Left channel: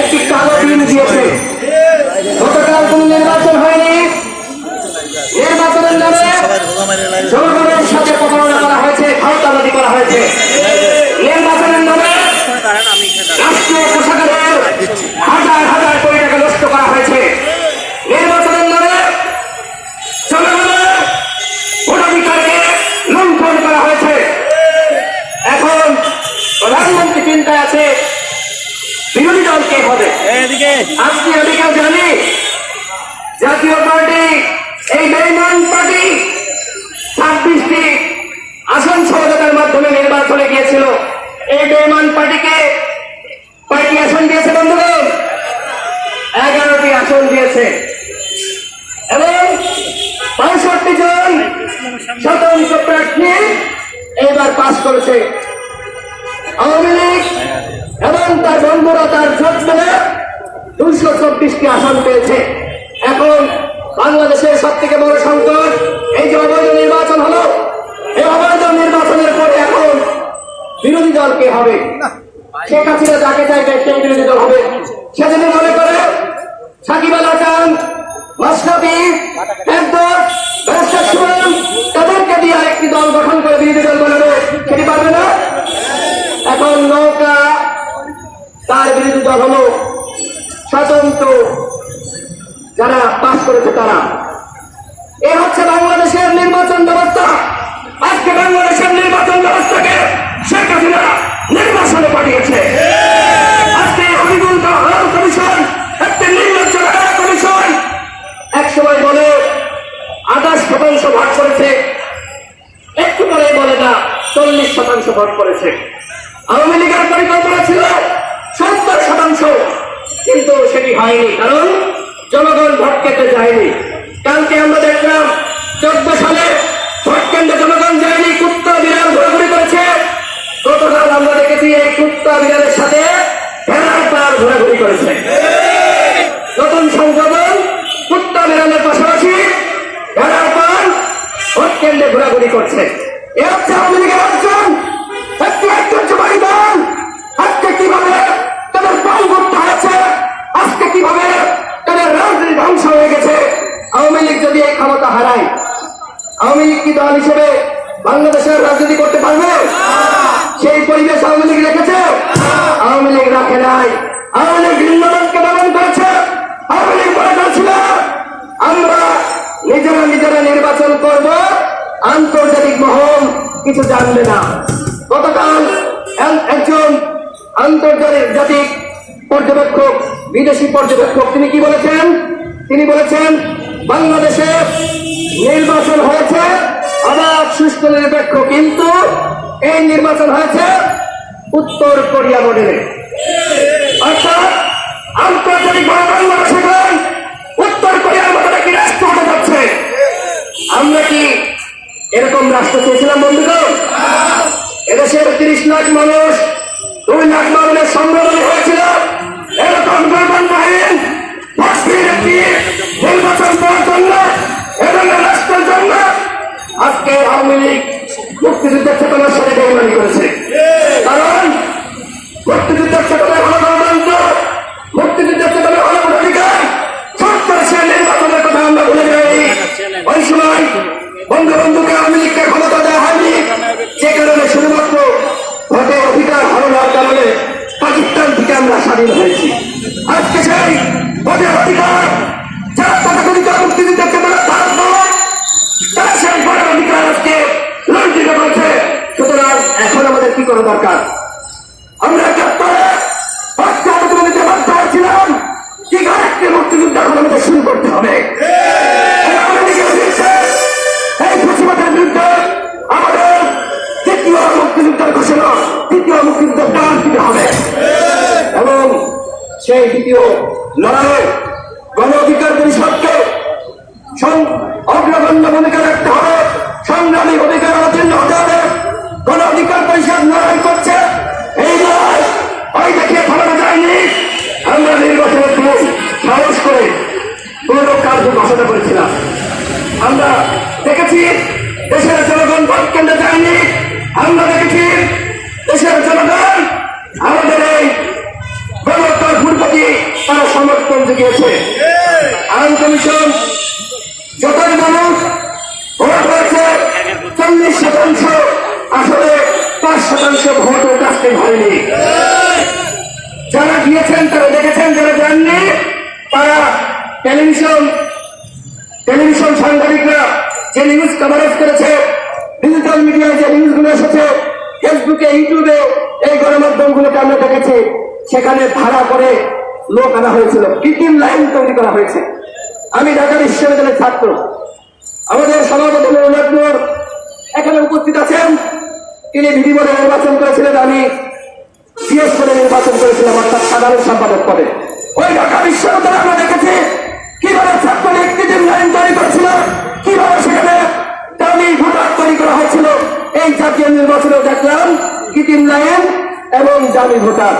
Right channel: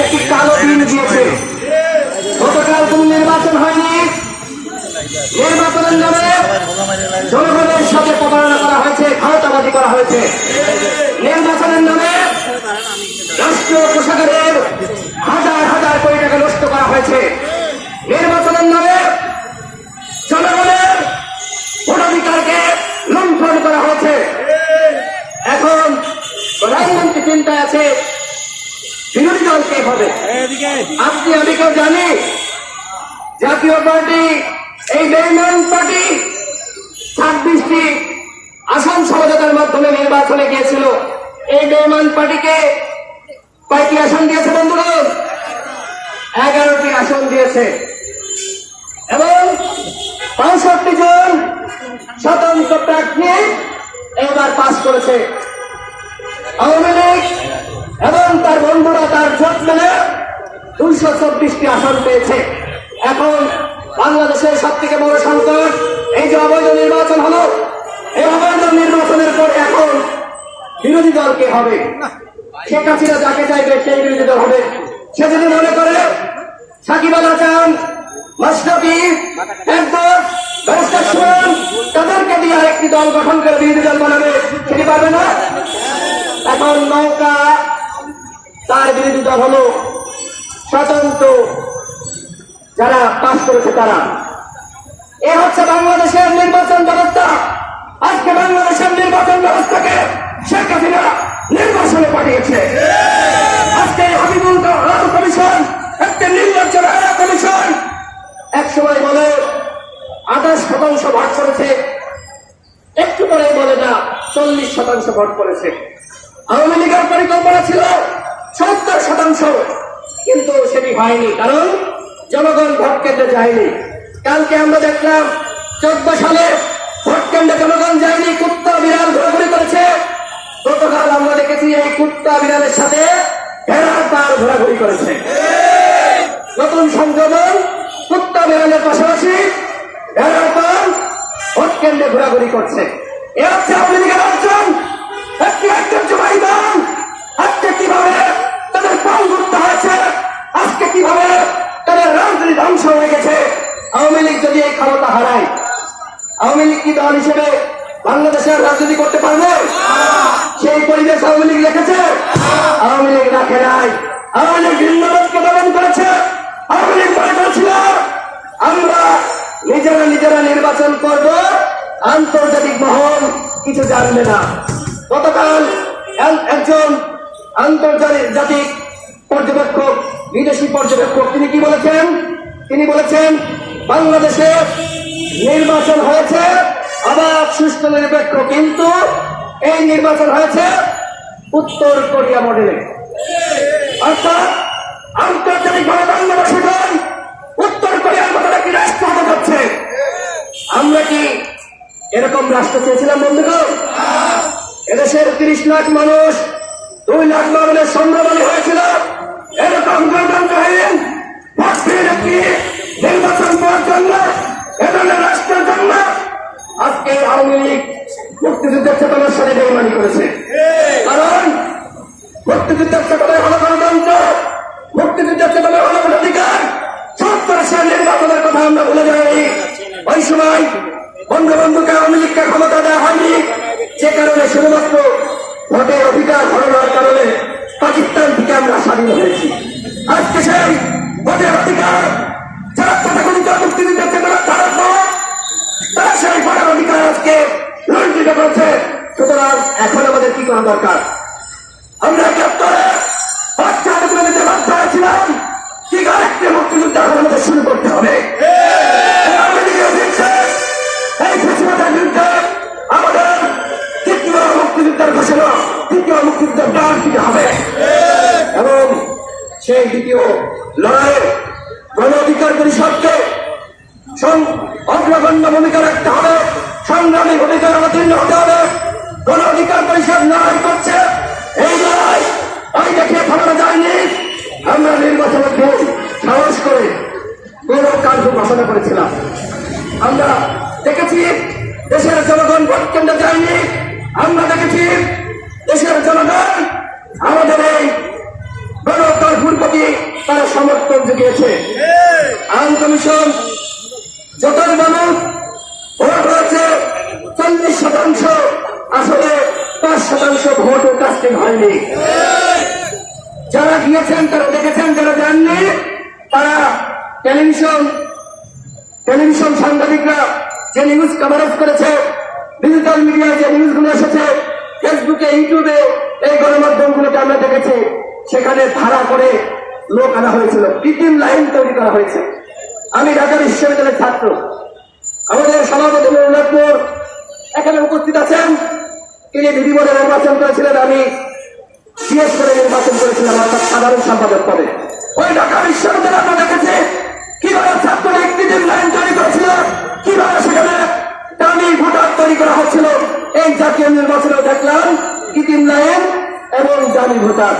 একটি কালো নির্বাচন করা হয়েছে। নির্বাচনের নামে রাষ্ট্রীয় পোশাকের হাজার হাজার কোটি টাকা নষ্ট করা হয়েছে। নির্বাচনের নামে জনগণের ভোটাধিকারকে লুণ্ঠন করা হয়েছে। এখন প্রধানমন্ত্রী চিন্তায় আছে বিরোধী দল কে হবে আজকে আমি কেউ জানি জাতীয় পার্টি এই বেইমান পার্টি ছাব্বিশটি আসন সমঝোতার মাধ্যমে নির্বাচনে গিয়েছিল। এই বেইমান পার্টিকে কয়টি আসন দিয়েছে বন্ধুগণ? এগারোটি আসন দিয়েছে। এবং পঁয়ষট্টি জন স্বতন্ত্র প্রার্থী এবার পাশ করেছে। আওয়ামী লীগ এবং তার বন্ধুরা তার ভোট মিলে দুশো চব্বিশটি আসন পেয়েছে। এখন বাংলাদেশের সব থেকে বড় সংকট, এই যে অবৈধ নির্বাচন হলো, এই অবৈধ নির্বাচনের পরে এখন বিরোধী দল কে হবে? শেখ হাসিনা যাকে জায়গায় সেই বিরোধী দল হবে, সে যদি মনে করে সাকিব আল হাসান মাস্টাফি একদম তাদেরকে দিয়ে একটি দল গঠন করে বিরোধী দল বানাবে, সেটি পারবে না। এখন নৌকা তার বিরোধী দল হলো স্বতন্ত্র যারা পাশ করেছে তারা। এ হচ্ছে বাংলাদেশের নির্বাচন ব্যবস্থা। আজকে বাংলাদেশের নির্বাচন ব্যবস্থাকে শেখ হাসিনা নির্বাচনে পাঠিয়েছে। আজকে কমিশন, একটি নির্বাচন কমিশন। এক সময় বলে, আঠাশ শতাংশ ভাগ করেছে। একটু পরে বলে না, চল্লিশ শতাংশ ভোট করেছে। আওয়ামী লীগের পরিকল্পনা ছিল সত্তর শতাংশ, কিন্তু সেটি হয়নি, কারণ জনগণ ভোট কেটে যায়নি কালকে আমরা দেখলাম, চোদ্দ সালে ভোট কেন্দ্রে জনগণ যায়নি, কুত্তা, বিড়াল গতকাল আমরা দেখেছি এই কুত্তা বিড়ালের সাথে ভেড়ার পার ঘোরাঘুরি করেছে। নতুন সংশোধন কুত্তা বিড়ালের পাশাপাশি ভেড়ার পার ভোট কেন্দ্রে ঘোরাঘুরি করছে। এ হচ্ছে আওয়ামী লীগের একটি ঐতিহ্যবাহী দল। আজকে কীভাবে তাদের পাল করতে হয়েছে, আজকে কীভাবে তাদের রাজনীতি ধ্বংস হয়ে গেছে, আওয়ামী লীগ যদি এই ক্ষমতা হারায়, আওয়ামী লীগ কি দল হিসেবে বাংলাদেশের রাজনীতি করতে পারবে? আওয়ামী লীগ রেখেছে? আওয়ামী লীগ রাখে নাই আওয়ামী লীগ ভিন্ন দলকে দমন করেছে। আওয়ামী লীগ মনে করেছিল, আমরা নিজেরা নিজেরা নির্বাচন করব, আন্তর্জাতিক মহল কিছু জানবে না। গতকাল একজন আন্তর্জাতিক জাতিক পর্যবেক্ষক, বিদেশি পর্যবেক্ষক, তিনি কি বলেছেন? তিনি বলেছেন, বাংলাদেশে নির্বাচন হয়েছে, অবাধ, সুষ্ঠু, নিরপেক্ষ, কিন্তু এই নির্বাচন হয়েছে উত্তর কোরিয়া মডেলে। অর্থাৎ আন্তর্জাতিক বাংলাদেশের উত্তর কোরিয়ার মতো নাকি রাষ্ট্র হতে যাচ্ছে আমরা কি এরকম রাষ্ট্র চেয়েছিলাম, বন্ধুগণ? এদেশের তিরিশ লাখ মানুষ, দুই লাখ মানুষের সম্ভাবনা হয়েছিল। এরকম নির্বাচন করার জন্য আজকে আওয়ামী লীগ মুক্তিযুদ্ধের চেতনার সাথে বেইমানি করেছে। মুক্তিযুদ্ধের হলো গণতন্ত্র মুক্তিযুদ্ধের চেতনায় হলো অধিকার সত্তর সালের নির্বাচনের কথা আমরা ভুলে যাইনি ওই সময় বন্ধু বন্ধুকে আওয়ামী লীগকে ক্ষমতা দেওয়া হয়নি যে কারণে শুধুমাত্র ভোটের অধিকার হারানোর কারণে পাকিস্তান থেকে আমরা স্বাধীন হয়েছি আজকে সেই ভোটের অধিকার যারা তথাকথিত মুক্তিযুদ্ধের চেতনা ভারত দল, তারা সেই ভোটের অধিকার আজকে লঞ্চিত করেছে। সুতরাং এখন আমাদের কি করা দরকার? আমরা বাচ্চা তুলে নিতে বাধ্য হয়েছিলাম। ঠিক আরেকটি মুক্তিযুদ্ধ এখন শুরু করতে হবে? এই লীগের বিরুদ্ধে, আমাদের তৃতীয় মুক্তিযুদ্ধের ঘোষণা তৃতীয় মুক্তিযুদ্ধ ডাক দিতে হবে? এবং সেই দ্বিতীয় লড়াইয়ে গণ অধিকার পরিষদকে অগ্রগণ্য ভূমিকা রাখতে হবে। সংগ্রামী ভূমিকার হতে হবে। গণ অধিকার পরিষদ লড়াই করছে। এই লড়াই ওই দেখে ফলানো যায় আমরা নির্বাচনের দিন সাহস করে গৌরব কার্য ঘোষণা করেছিলাম। আমরা দেখেছি দেশের জনগণ ভোট কেন্দ্রে যায়নি। আমরা দেখেছি দেশের জনগণ আমাদের এই গণতার প্রতি তারা সমর্থন জুগিয়েছে। আইন কমিশন দেখেছেন তারা টেলিভিশন টেলিভিশন সাংবাদিকরা যে নিউজ কভারেজ করেছে ডিজিটাল মিডিয়ায় যে নিউজগুলো এসেছে ফেসবুকে ইউটিউবে এই গণমাধ্যমগুলোকে আমরা দেখেছি, সেখানে ভাড়া করে লোক আনা হয়েছিল কৃত্রিম লাইন তৈরি করা হয়েছে। আমি ঢাকা বিশ্ববিদ্যালয়ের ছাত্র। আমাদের সভাপতি রঘুনাথপুর এখানে উপস্থিত আছেন। তিনি বিধিবদ্ধ নির্বাচন করেছিলেন, আমি সিএস করে নির্বাচন করেছিলাম, অর্থাৎ সাধারণ সম্পাদক পদে। ওই ঢাকা আমরা দেখেছি। কীভাবে লাইন করেছিল, কীভাবে সেখানে ভোটার তৈরি করা হয়েছিল, এই জাতীয় দেখলাম কৃত্রিম লাইন এবং ভোটার।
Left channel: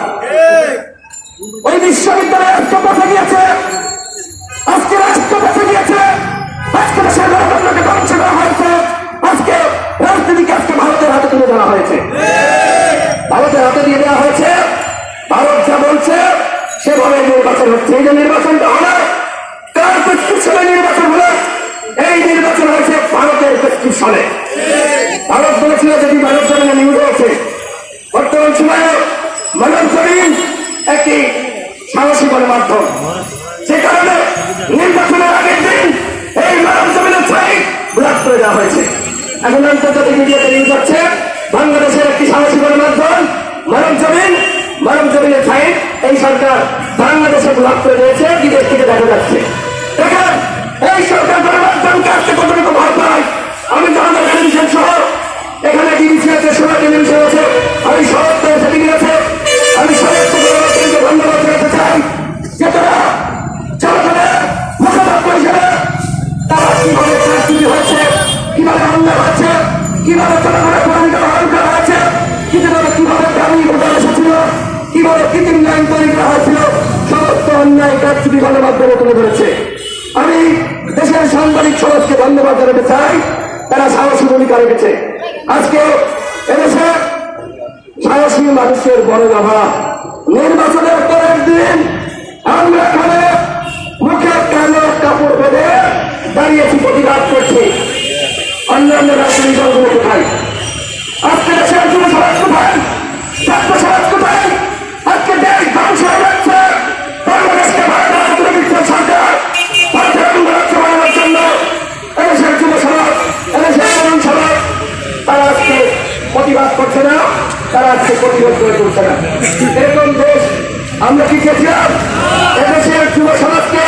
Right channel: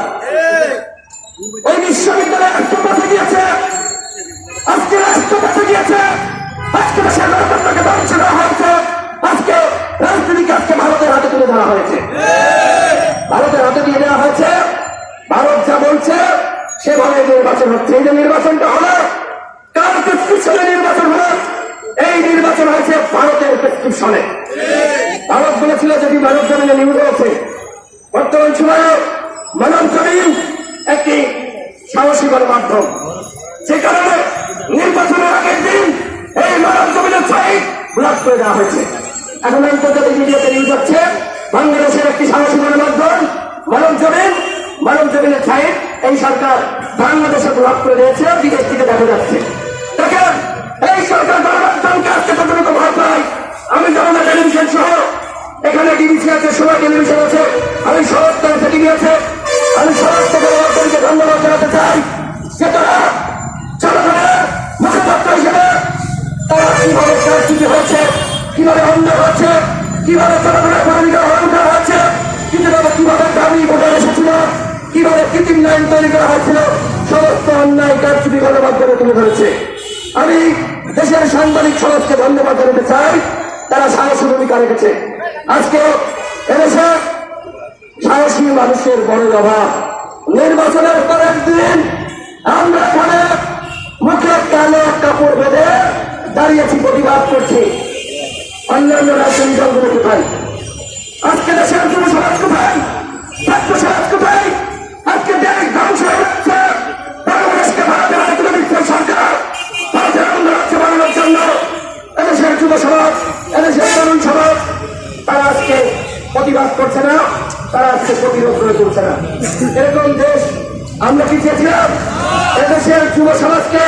ওই বিশ্ববিদ্যালয়ে আজকে পৌঁছে গিয়েছে। আজকে রাষ্ট্র পৌঁছে গিয়েছে। আজকে দেশের ধ্বংস করা হয়েছে। আজকে রাজনীতিকে আজকে ভারতের হাতে তুলে দেওয়া হয়েছে। ভারতের হাতে দিয়ে দেওয়া হয়েছে। ভারত যা বলছে সেভাবে নির্বাচন হচ্ছে। এই যে নির্বাচনটা হলো কার প্রেসক্রিপশনে নির্বাচন হলো এই নির্বাচন হয়েছে ভারতের প্রেসক্রিপশনে। ভারত বলেছিল, যদি মানব জমিনে নিউজ হয়েছে বর্তমান সময়ে মানব জমিন একটি সাহসী গণমাধ্যম সে কারণে নির্বাচনের আগের দিন এই মানব জমিনের ছাই ব্লক করে দেওয়া হয়েছে। এখন আন্তর্জাতিক মিডিয়াতে নিউজ হচ্ছে বাংলাদেশের একটি সাহসী গণমাধ্যম মানব জমিন, মানব জমিনের ছাই। এই সরকার বাংলাদেশে ব্লক করে দিয়েছে, বিদেশ থেকে দেখা যাচ্ছে। দেখেন, এই সরকার আজকে কতটুকু ভয় পায়? আমি জনতা টেলিভিশন সহ, এখানে ডিবিসি আছে, সোনা টেলিভিশন আছে, আমি শরৎ টিভি আছে, আমি শরৎ থেকে ধন্যবাদ জানাতে চাই যে তারা জনগণের মুখপাত্র হিসেবে তারা কীভাবে হয়েছে, কীভাবে হচ্ছে, কীভাবে জনগণের ভূমিকা গ্রহণ করা কীভাবে কীভাবে গ্রামীণ কৃত্রিম লাইন তৈরি করা হয়েছিল। সমস্ত অন্যায় কাজটি গণমাধ্যমে তুলে ধরেছে। আমি দেশের সাংবাদিক সমাজকে ধন্যবাদ জানাতে চাই। তারা সাহসী ভূমিকা রেখেছে। আজকে এদেশে সাহসী মানুষের বড় বাবা নির্বাচনের পরের দিন আমরা এখানে মুখে কালো কাপড় বেঁধে দাঁড়িয়েছি প্রতিবাদ করছি। অন্যান্য রাজনৈতিক দলগুলো কোথায়? আজকে দেশের যুব সমাজ কোথায়? ছাত্র সমাজ আজকে প্রতিবাদ করে তুলছে না। এরকম দেশ আমরা কি চেয়েছিলাম এদেশের যুব সমাজকে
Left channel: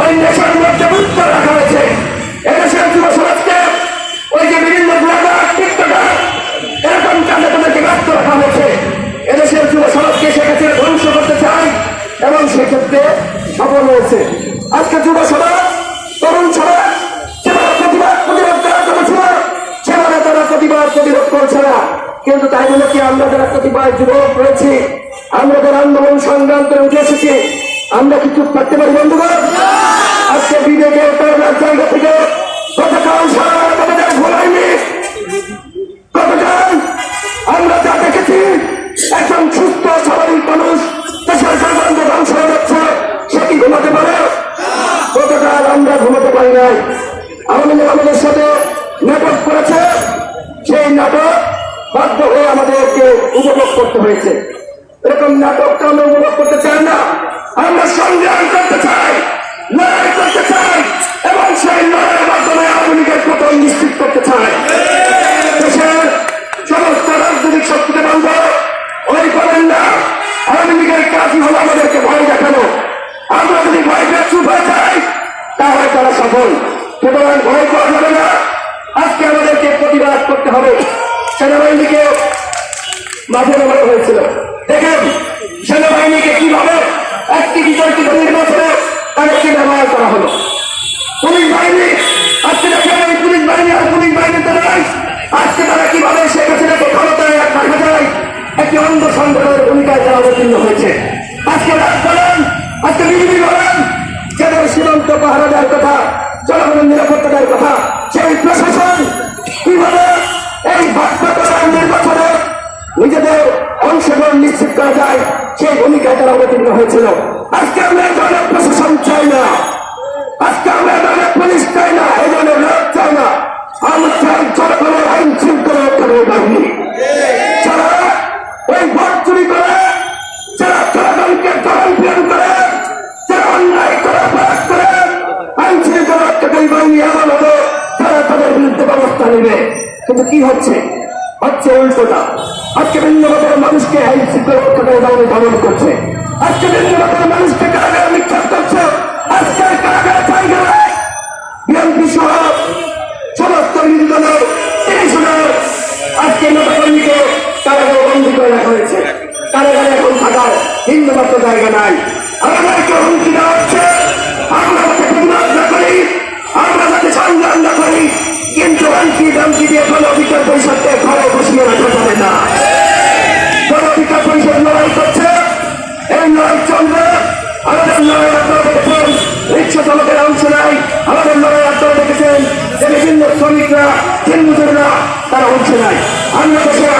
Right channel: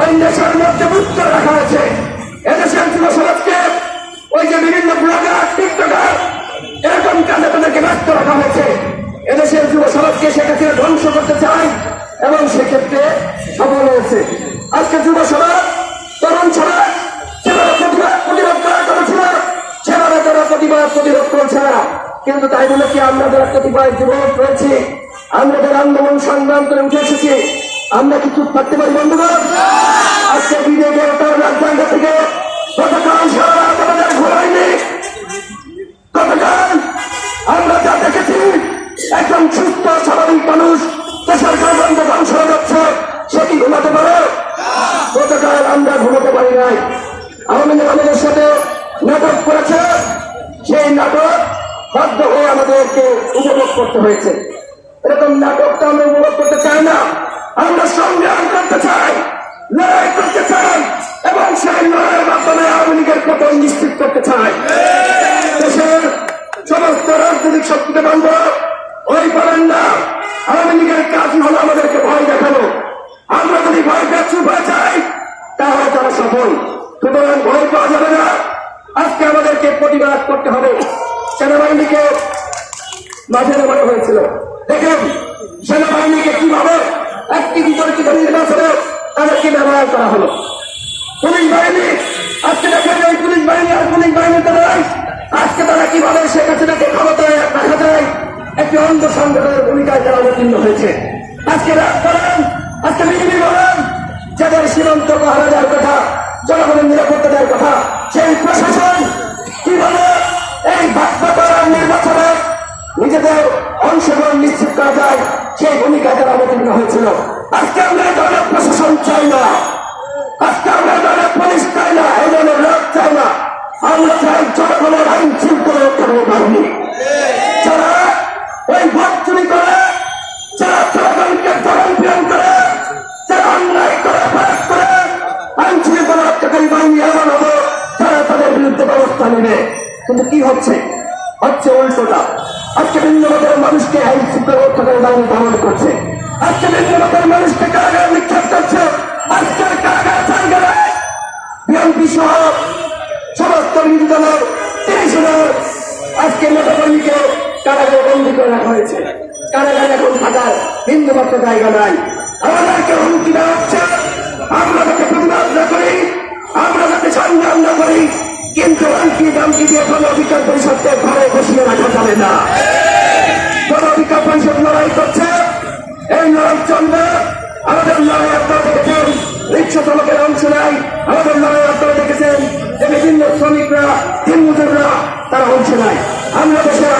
ওই দেশের মধ্যে মুক্ত রাখা হয়েছে। এদেশের যুব সমাজকে ওই যে বিভিন্ন ব্লগার টিকটকার এরকম কাজে তাদেরকে আমাদেরকে উপভোগ করতে হয়েছে। এরকম নাটকটা আমরা উপভোগ করতে চাই না। আমরা সংগ্রাম করতে চাই, লড়াই করতে চাই, এবং সেই লড়াইয়ের মাধ্যমে আওয়ামী লীগের পতন নিশ্চিত করতে চাই। দেশের সমস্ত রাজনৈতিক শক্তিকে বন্ধ, ওই করেন না, আওয়ামী লীগের কাজই হলো আমাদেরকে ভয় দেখানো। আমরা যদি ভয় পেয়ে হয়ে যাই, তাহলে তারা সফল। সুতরাং ভয় করা যাবে না। আজকে আমাদেরকে প্রতিবাদ করতে হবে। সেনাবাহিনীকে মাঝে নামানো হয়েছিল। দেখেন, সেনাবাহিনীকে কীভাবে একটি বিতর্কিত নির্বাচনে তাদেরকে ব্যবহার করা হলো। পুলিশ বাহিনী, আজকে দেখেন ওই পুলিশ বাহিনী আর পুলিশ বাহিনীতে নয় আজকে তারা কীভাবে শেখ হাসিনাকে ক্ষমতায় রাখা যায়, একটি অন্ধ সংগঠনের ভূমিকায় তারা অবতীর্ণ হয়েছে। আজকে রাজধানী আজকে বিজেপি বলেন যাদের সীমান্ত পাহারা দেওয়ার কথা, জনগণের নিরাপত্তা দেওয়ার কথা, সেই প্রশাসন কীভাবে এই বাধ্যকরার নির্বাচনে নিজেদের অংশগ্রহণ নিশ্চিত করা যায়, সেই ভূমিকা তারা অবতীর্ণ হয়েছিল। আজকে আমরা ধরনের প্রশাসন চাই না। আজকে আমরা ধরনের পুলিশ চাই না, এই ধরনের রাত চাই না। আমরা চাই জনগণের আইন শৃঙ্খলা রক্ষণের বাহিনী। করে বাহিনী কি হচ্ছে? হচ্ছে উল্টোটা। আজকে ভিন্ন মতের মানুষকে আইন শৃঙ্খলা রক্ষাকারী বাহিনী করছে। আজকে ভিন্ন মতের মানুষকে কারাগারে নিক্ষেপ করছে। আজকে কারাগার জায়গায় বিএনপি সহ সমস্ত নির্দলের আজকে নেতাকর্মীকে কারাগারে বন্দী করে রাখা হয়েছে। কারাগারে এখন থাকার হিন্দু জায়গা নাই। অংশ নাই। আমরা দেশের